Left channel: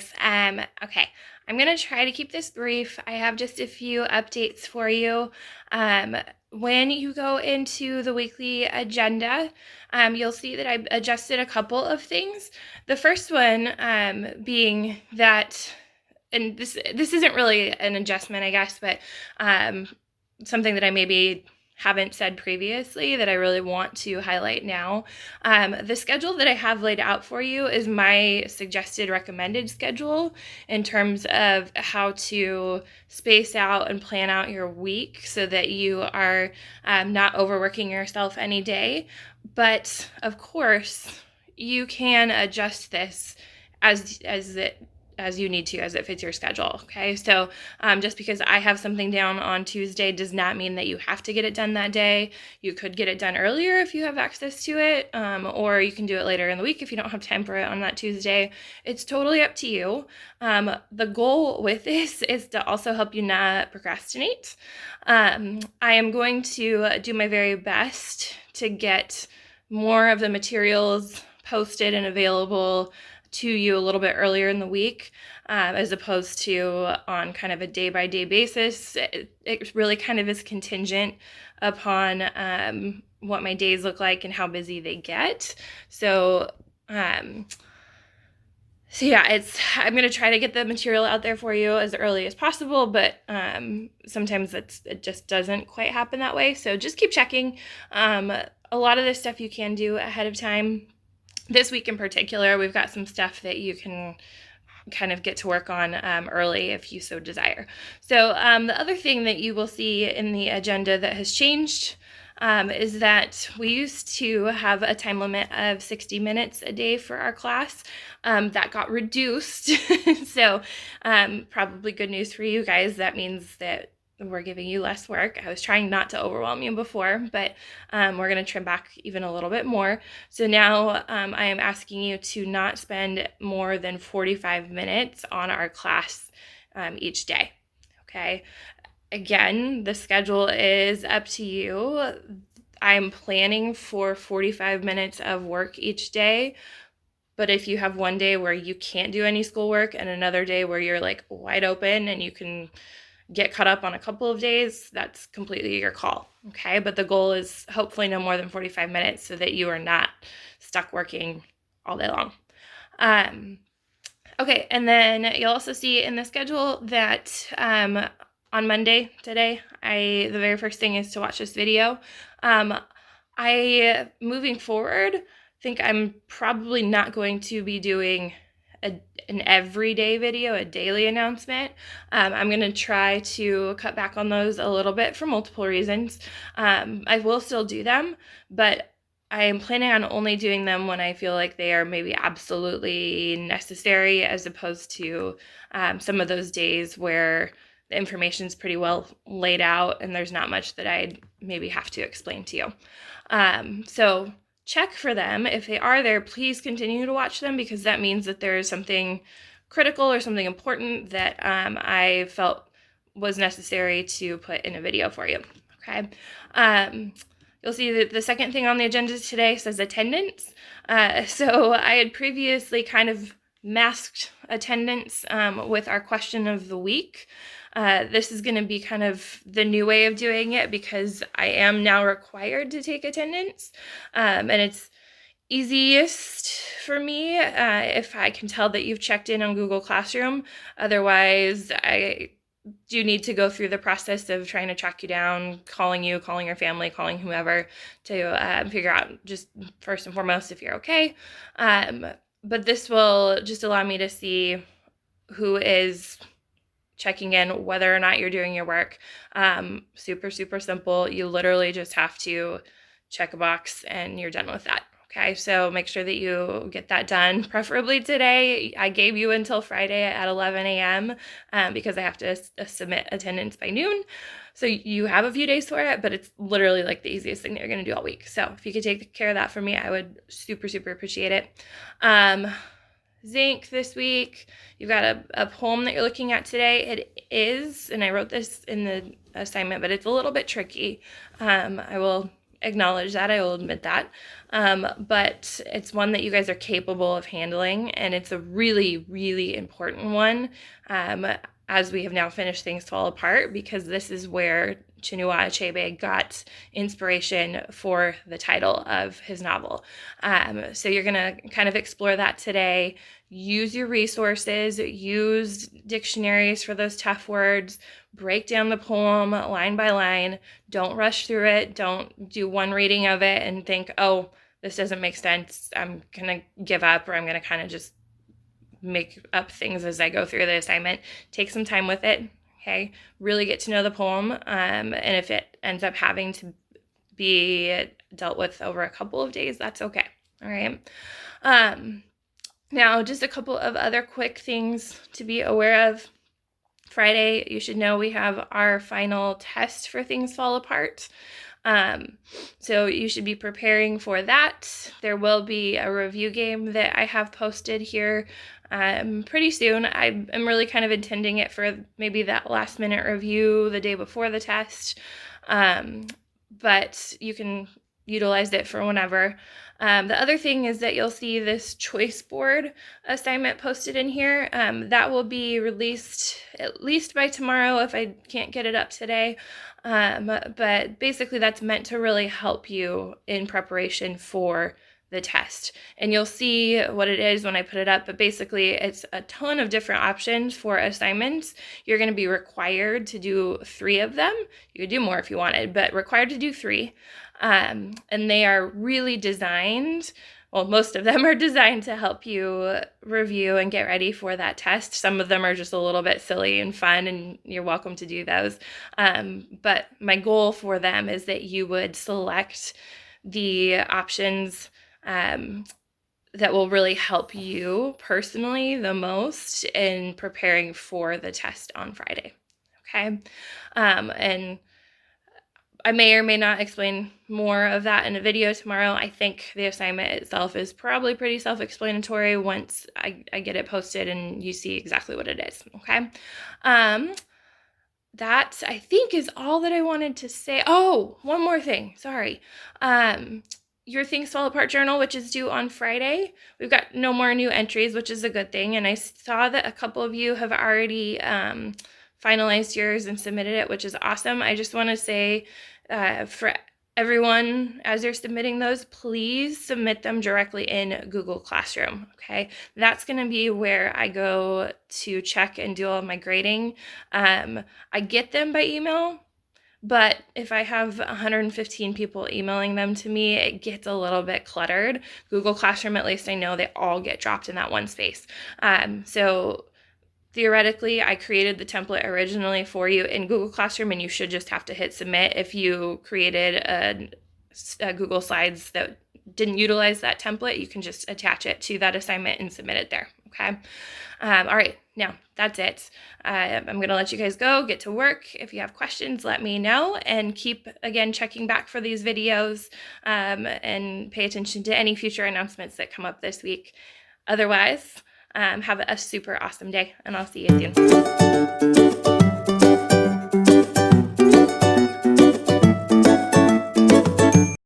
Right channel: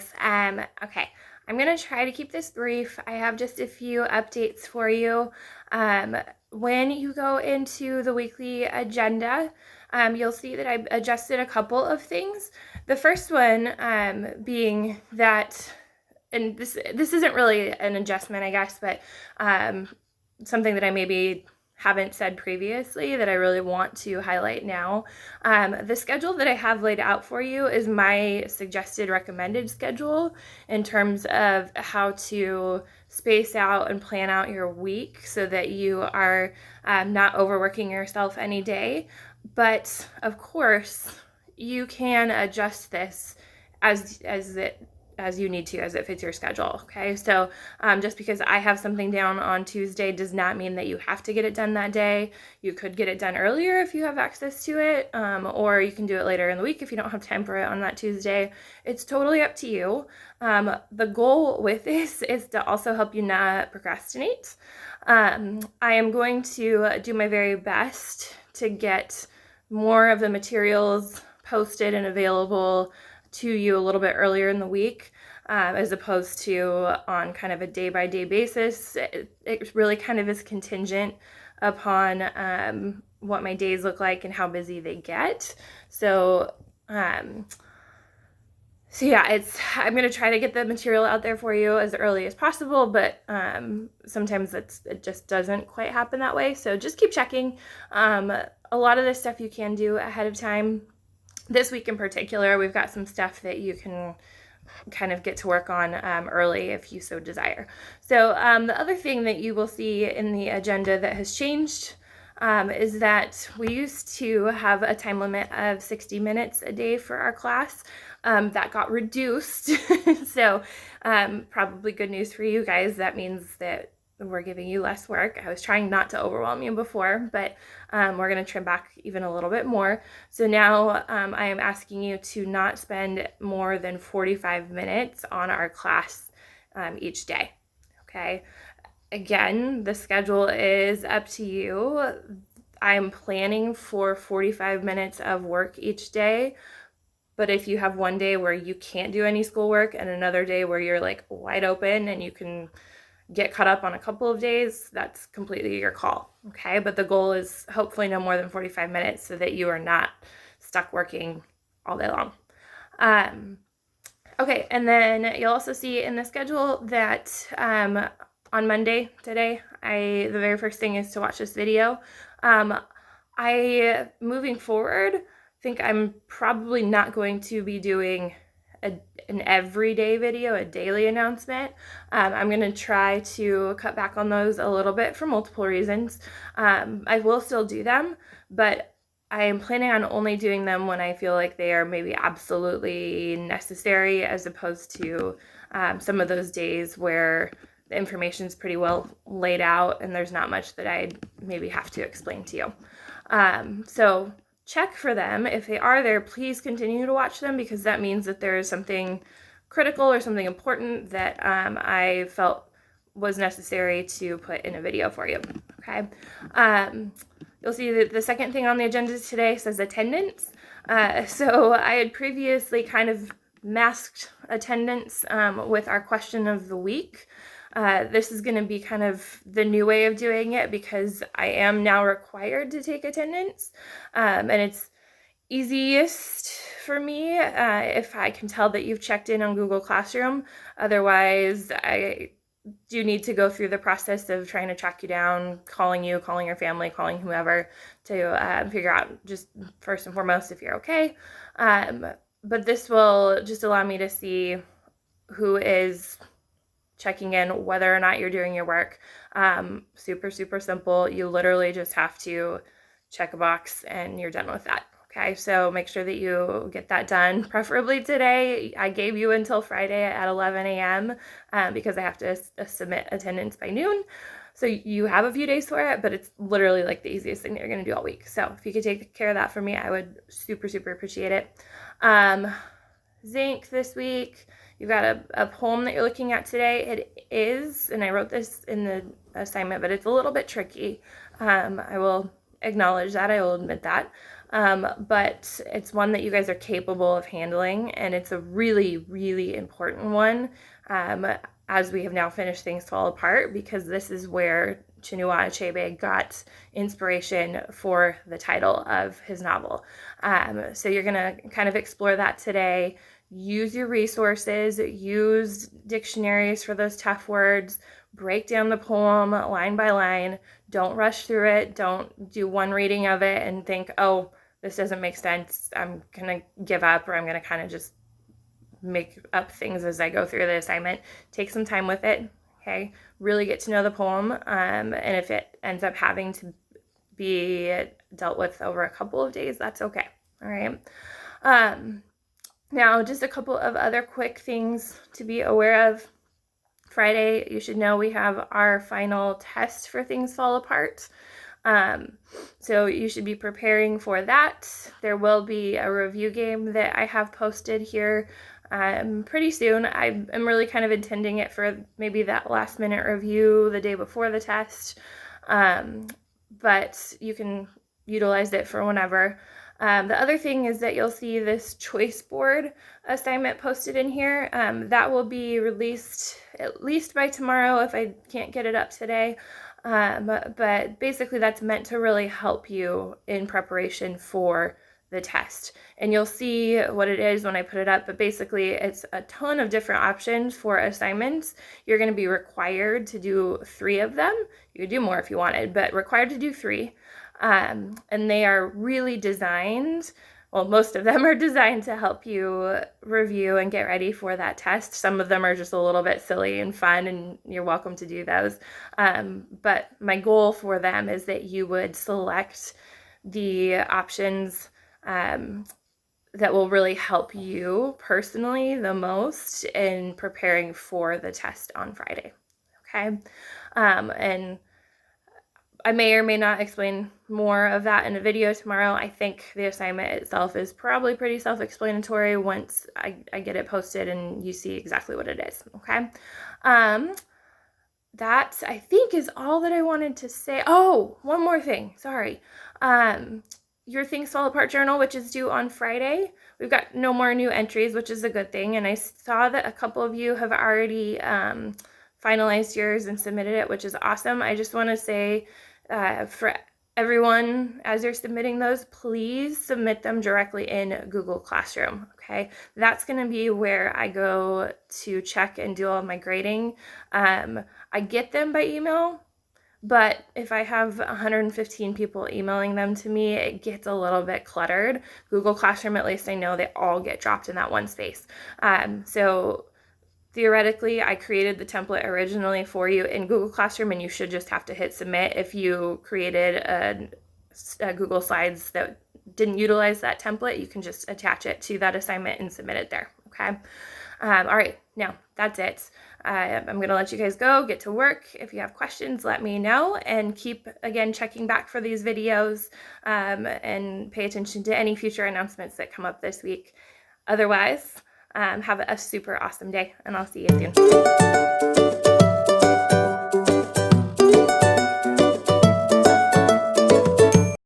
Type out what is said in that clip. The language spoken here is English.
guys. Okay, I'm gonna try to keep this brief. I have just a few updates for you. When you go into the weekly agenda, you'll see that I've adjusted a couple of things. The first one being that, and this isn't really an adjustment, I guess, but something that I maybe haven't said previously that I really want to highlight now. The schedule that I have laid out for you is my suggested recommended schedule in terms of how to space out and plan out your week so that you are not overworking yourself any day. But of course, you can adjust this as you need to, as it fits your schedule. Okay, so just because I have something down on Tuesday does not mean that you have to get it done that day. You could get it done earlier if you have access to it, or you can do it later in the week if you don't have time for it on that Tuesday. It's totally up to you. The goal with this is to also help you not procrastinate. I am going to do my very best to get more of the materials posted and available to you a little bit earlier in the week, as opposed to on kind of a day-by-day basis. It really kind of is contingent upon what my days look like and how busy they get. So yeah, I'm going to try to get the material out there for you as early as possible, but sometimes it just doesn't quite happen that way. So just keep checking. A lot of this stuff you can do ahead of time. This week in particular, we've got some stuff that you can kind of get to work on early if you so desire. So the other thing that you will see in the agenda that has changed is that we used to have a time limit of 60 minutes a day for our class. That got reduced. So probably good news for you guys. That means that we're giving you less work. I was trying not to overwhelm you before, but we're going to trim back even a little bit more. So now I am asking you to not spend more than 45 minutes on our class each day. Okay. Again, the schedule is up to you. I'm planning for 45 minutes of work each day. But if you have one day where you can't do any schoolwork and another day where you're like wide open and you can get caught up on a couple of days, that's completely your call. Okay, but the goal is hopefully no more than 45 minutes so that you are not stuck working all day long. Okay, and then you'll also see in the schedule that on Monday today, the very first thing is to watch this video. Moving forward, think I'm probably not going to be doing an everyday video, a daily announcement. I'm going to try to cut back on those a little bit for multiple reasons. I will still do them, but I am planning on only doing them when I feel like they are maybe absolutely necessary, as opposed to some of those days where the information is pretty well laid out and there's not much that I maybe have to explain to you. So check for them. If they are there, please continue to watch them, because that means that there is something critical or something important that I felt was necessary to put in a video for you. Okay. You'll see that the second thing on the agenda today says attendance. So I had previously kind of masked attendance with our question of the week. This is going to be kind of the new way of doing it, because I am now required to take attendance, and it's easiest for me if I can tell that you've checked in on Google Classroom. Otherwise, I do need to go through the process of trying to track you down, calling you, calling your family, calling whoever to figure out just first and foremost if you're okay. But this will just allow me to see who is checking in, whether or not you're doing your work. Super, super simple. You literally just have to check a box and you're done with that. Okay, so make sure that you get that done, preferably today. I gave you until Friday at 11 a.m. Because I have to submit attendance by noon. So you have a few days for it, but it's literally like the easiest thing that you're going to do all week. So if you could take care of that for me, I would super, super appreciate it. Zinc this week. You've got a poem that you're looking at today. It is, and I wrote this in the assignment, but it's a little bit tricky. I will acknowledge that. I will admit that. but it's one that you guys are capable of handling, and it's a really, really important one as we have now finished Things Fall Apart, because this is where Chinua Achebe got inspiration for the title of his novel. So you're going to kind of explore that today. Use your resources, use dictionaries for those tough words, break down the poem line by line. Don't rush through it. Don't do one reading of it and think, oh, this doesn't make sense, I'm going to give up, or I'm going to kind of just make up things as I go through the assignment. Take some time with it, okay? Really get to know the poem, and if it ends up having to be dealt with over a couple of days, that's okay, all right? Now, just a couple of other quick things to be aware of. Friday, you should know we have our final test for Things Fall Apart. So you should be preparing for that. There will be a review game that I have posted here pretty soon. I'm really kind of intending it for maybe that last minute review the day before the test, but you can utilize it for whenever. The other thing is that you'll see this choice board assignment posted in here. That will be released at least by tomorrow if I can't get it up today. But basically that's meant to really help you in preparation for the test. And you'll see what it is when I put it up, but basically it's a ton of different options for assignments. You're going to be required to do 3 of them. You could do more if you wanted, but required to do 3. And they are really designed, well, most of them are designed to help you review and get ready for that test. Some of them are just a little bit silly and fun, and you're welcome to do those. But my goal for them is that you would select the options that will really help you personally the most in preparing for the test on Friday, okay? And I may or may not explain more of that in a video tomorrow. I think the assignment itself is probably pretty self-explanatory once I get it posted and you see exactly what it is, okay? That, I think, is all that I wanted to say. Oh, one more thing, sorry. Your Things Fall Apart journal, which is due on Friday, we've got no more new entries, which is a good thing, and I saw that a couple of you have already finalized yours and submitted it, which is awesome. I just want to say for everyone, as you're submitting those, please submit them directly in Google Classroom, okay? That's going to be where I go to check and do all of my grading. I get them by email, but if I have 115 people emailing them to me, it gets a little bit cluttered. Google Classroom, at least I know they all get dropped in that one space. So theoretically, I created the template originally for you in Google Classroom, and you should just have to hit submit. If you created a Google Slides that didn't utilize that template, you can just attach it to that assignment and submit it there, okay? All right, now that's it. I'm going to let you guys go, get to work. If you have questions, let me know, and keep, again, checking back for these videos and pay attention to any future announcements that come up this week. Otherwise, have a super awesome day, and I'll see you soon.